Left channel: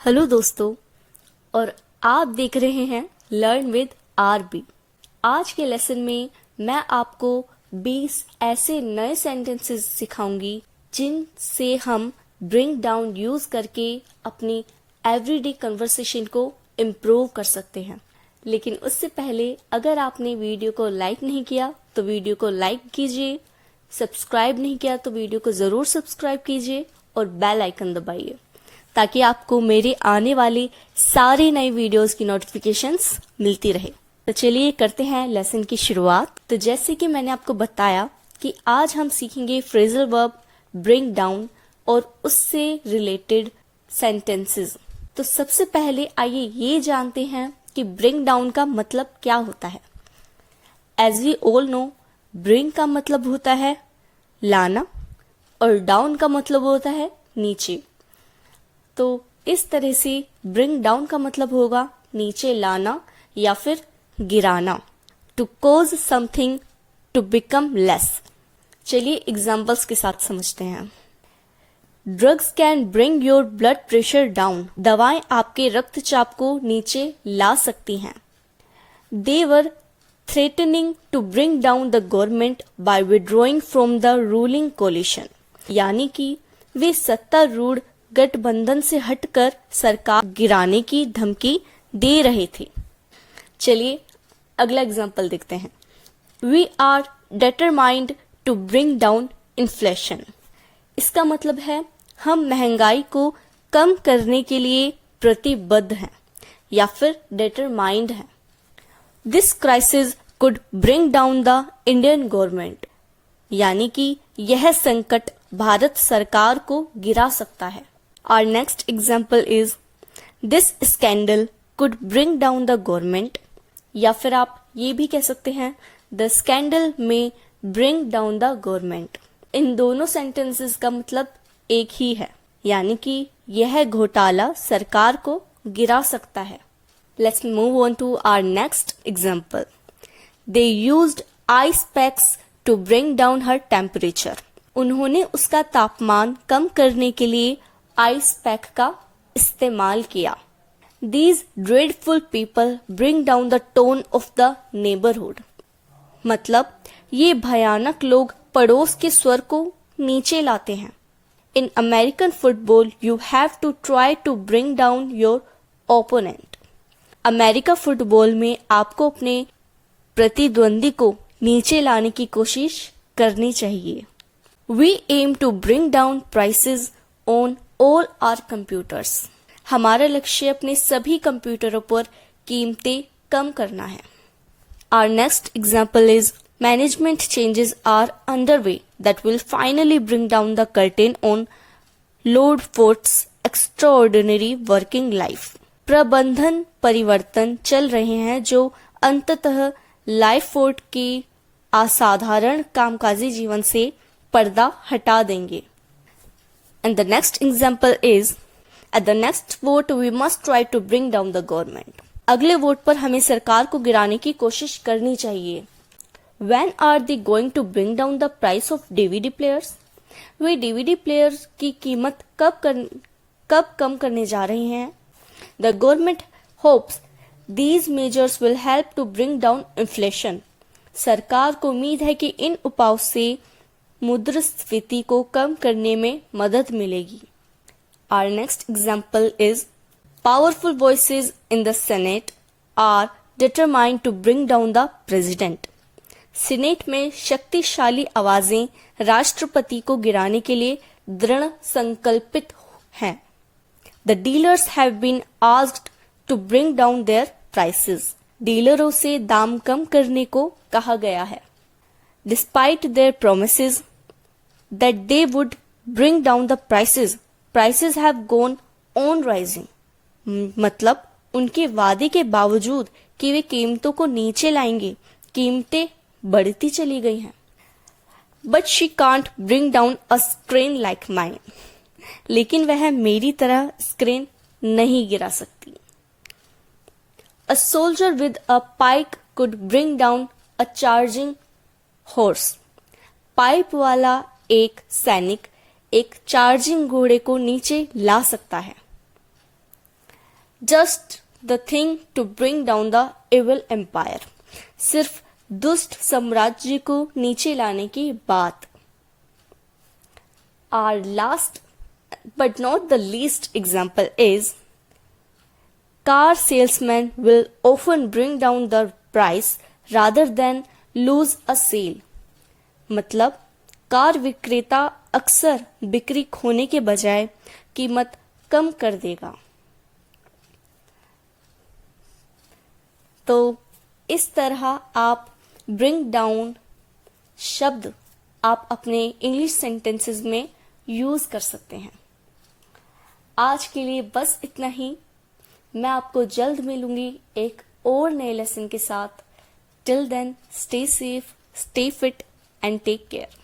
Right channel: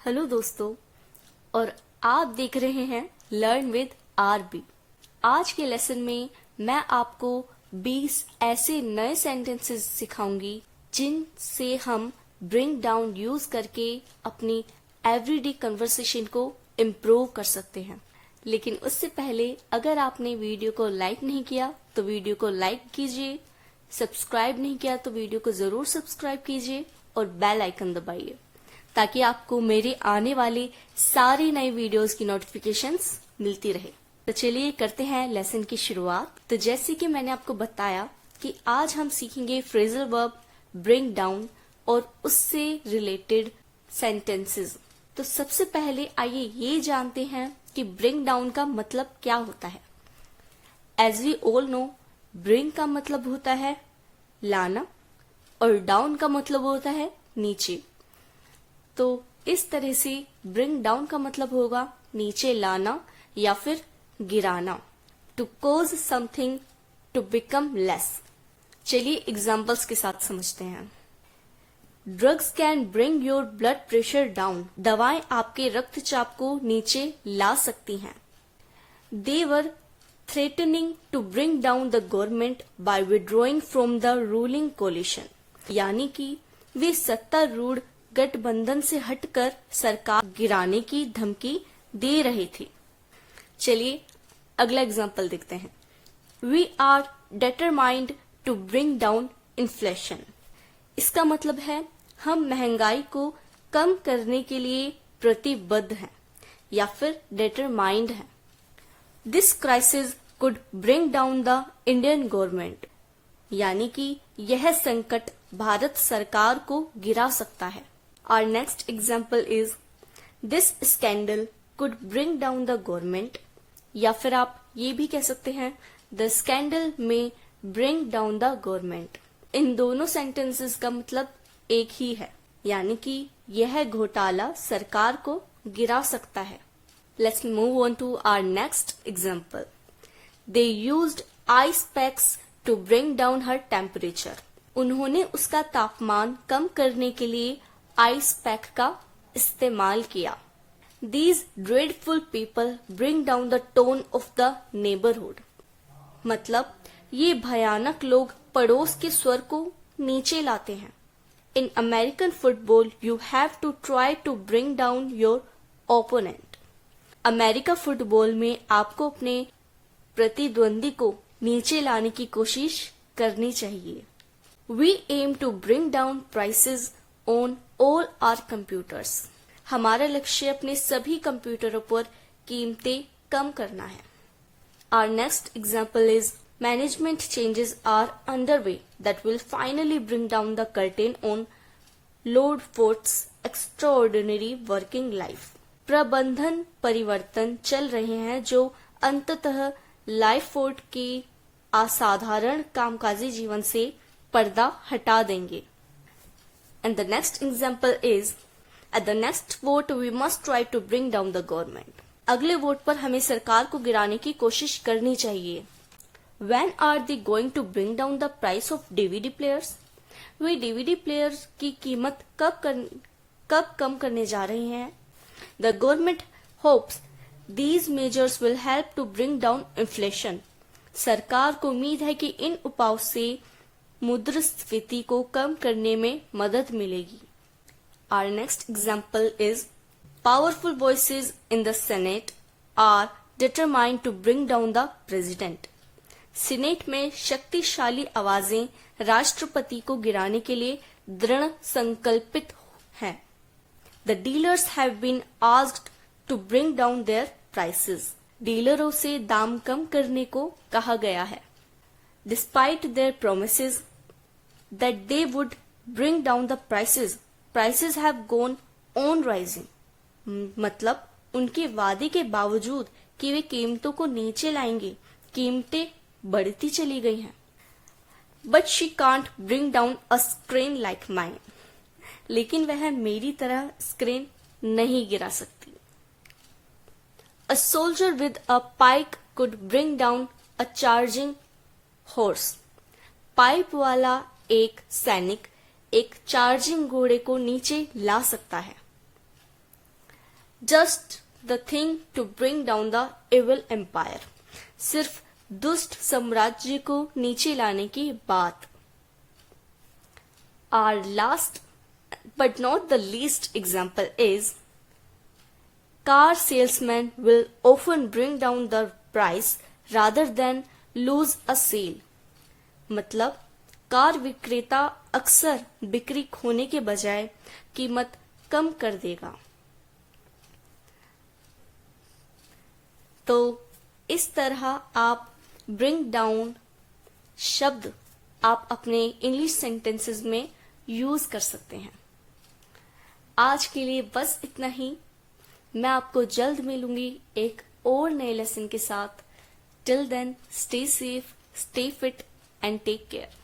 Hello दोस्तों, और आप देख रहे हैं लर्न विद आरबी। आज के लेसन में मैं आपको 20 ऐसे नए सेंटेंसेस सिखाऊंगी जिनसे हम ब्रिंग डाउन यूज करके अपनी एवरीडे कन्वर्सेशन को इम्प्रूव कर सकते हैं। लेकिन उससे पहले अगर आपने वीडियो को लाइक नहीं किया तो वीडियो को लाइक कीजिए, सब्सक्राइब नहीं किया तो वीडियो को जरूर सब्सक्राइब कीजिए और बेल आइकन दबाइए ताकि आपको मेरे आने वाले सारे नए वीडियोस की नोटिफिकेशंस मिलती रहे। तो चलिए करते हैं लेसन की शुरुआत। तो जैसे कि मैंने आपको बताया कि आज हम सीखेंगे फ्रेजल वर्ब ब्रिंग डाउन और उससे रिलेटेड सेंटेंसेस। तो सबसे पहले आइए ये जानते हैं कि ब्रिंग डाउन का मतलब क्या होता है। As we all know, bring का मतलब होता है लाना और डाउन का मतलब होता है नीचे। तो इस तरह से ब्रिंग डाउन का मतलब होगा नीचे लाना या फिर गिराना। To cause something to become less. चलिए एग्जाम्पल्स के साथ समझते हैं। Drugs can bring your blood pressure down. दवाएं आपके रक्तचाप को नीचे ला सकती हैं। They were threatening to bring down the government by withdrawing from the ruling coalition. यानी कि वे सत्तारूढ़ गठबंधन से हटकर सरकार गिराने की धमकी दे रहे थे। चलिए अगला एग्जाम्पल देखते हैं। We are determined to bring down inflation. इसका मतलब है हम महंगाई को कम करने के लिए प्रतिबद्ध हैं या फिर डिटरमाइंड हैं। This crisis could bring down the Indian government. यानी कि यह संकट भारत सरकार को गिरा सकता है। Our next example is this scandal could bring down the government। या फिर आप ये भी कह सकते हैं the scandal may bring down the government। इन दोनों sentences का मतलब एक ही है, यानी कि यह घोटाला सरकार को गिरा सकता है। Let's move on to our next example। They used ice packs to bring down her temperature। उन्होंने उसका तापमान कम करने के लिए आइस पैक का इस्तेमाल किया। These dreadful people bring down the tone of the neighborhood। मतलब ये भयानक लोग पड़ोस के स्वर को नीचे लाते हैं। In American football, you have to try to bring down your opponent। America football में आपको अपने प्रतिद्वंदी को नीचे लाने की कोशिश करनी चाहिए। We aim to bring down prices on all our computers। हमारा लक्ष्य अपने सभी कंप्यूटरों पर कीमतें कम करना है। Our next example is management changes are underway that will finally bring down the curtain on Lord Fort's extraordinary working life। प्रबंधन परिवर्तन चल रहे हैं जो अंततः लाइफ फोर्ट के असाधारण कामकाजी जीवन से पर्दा हटा देंगे। And the next example is at the next vote we must try to bring down the government। अगले वोट पर हमें सरकार को गिराने की कोशिश करनी चाहिए। When are they going to bring down the price of DVD players? Way DVD players की कीमत कब कम करने जा रहे हैं? The government hopes these measures will help to bring down inflation। सरकार को उम्मीद है कि इन उपायों से मुद्रास्फीति को कम करने में मदद मिलेगी। Our next example is powerful voices in the Senate are determined to bring down the president। Senate में शक्तिशाली आवाजें राष्ट्रपति को गिराने के लिए दृढ़ संकल्पित हैं। The dealers have been asked to bring down their prices। डीलरों से दाम कम करने को कहा गया है। Despite their promises that they would bring down the prices have gone on rising। मतलब उनके वादे के बावजूद कि वे कीमतों को नीचे लाएंगे, कीमतें बढ़ती चली गई हैं। But she can't bring down a screen like mine। लेकिन वह मेरी तरह स्क्रीन नहीं गिरा सकती। A soldier with a pike could bring down a charging horse। Pipe वाला एक सैनिक एक चार्जिंग घोड़े को नीचे ला सकता है। Just the thing to bring down the evil empire, सिर्फ दुष्ट साम्राज्य को नीचे लाने की बात। Our last but not the least example is car salesman will often bring down the price rather than lose a sale। मतलब कार विक्रेता अक्सर बिक्री खोने के बजाय कीमत कम कर देगा। तो इस तरह आप ब्रिंग डाउन शब्द आप अपने इंग्लिश सेंटेंसेस में यूज कर सकते हैं। आज के लिए बस इतना ही। मैं आपको जल्द मिलूंगी एक और नए लेसन के साथ। Till then, stay safe, stay fit and take care.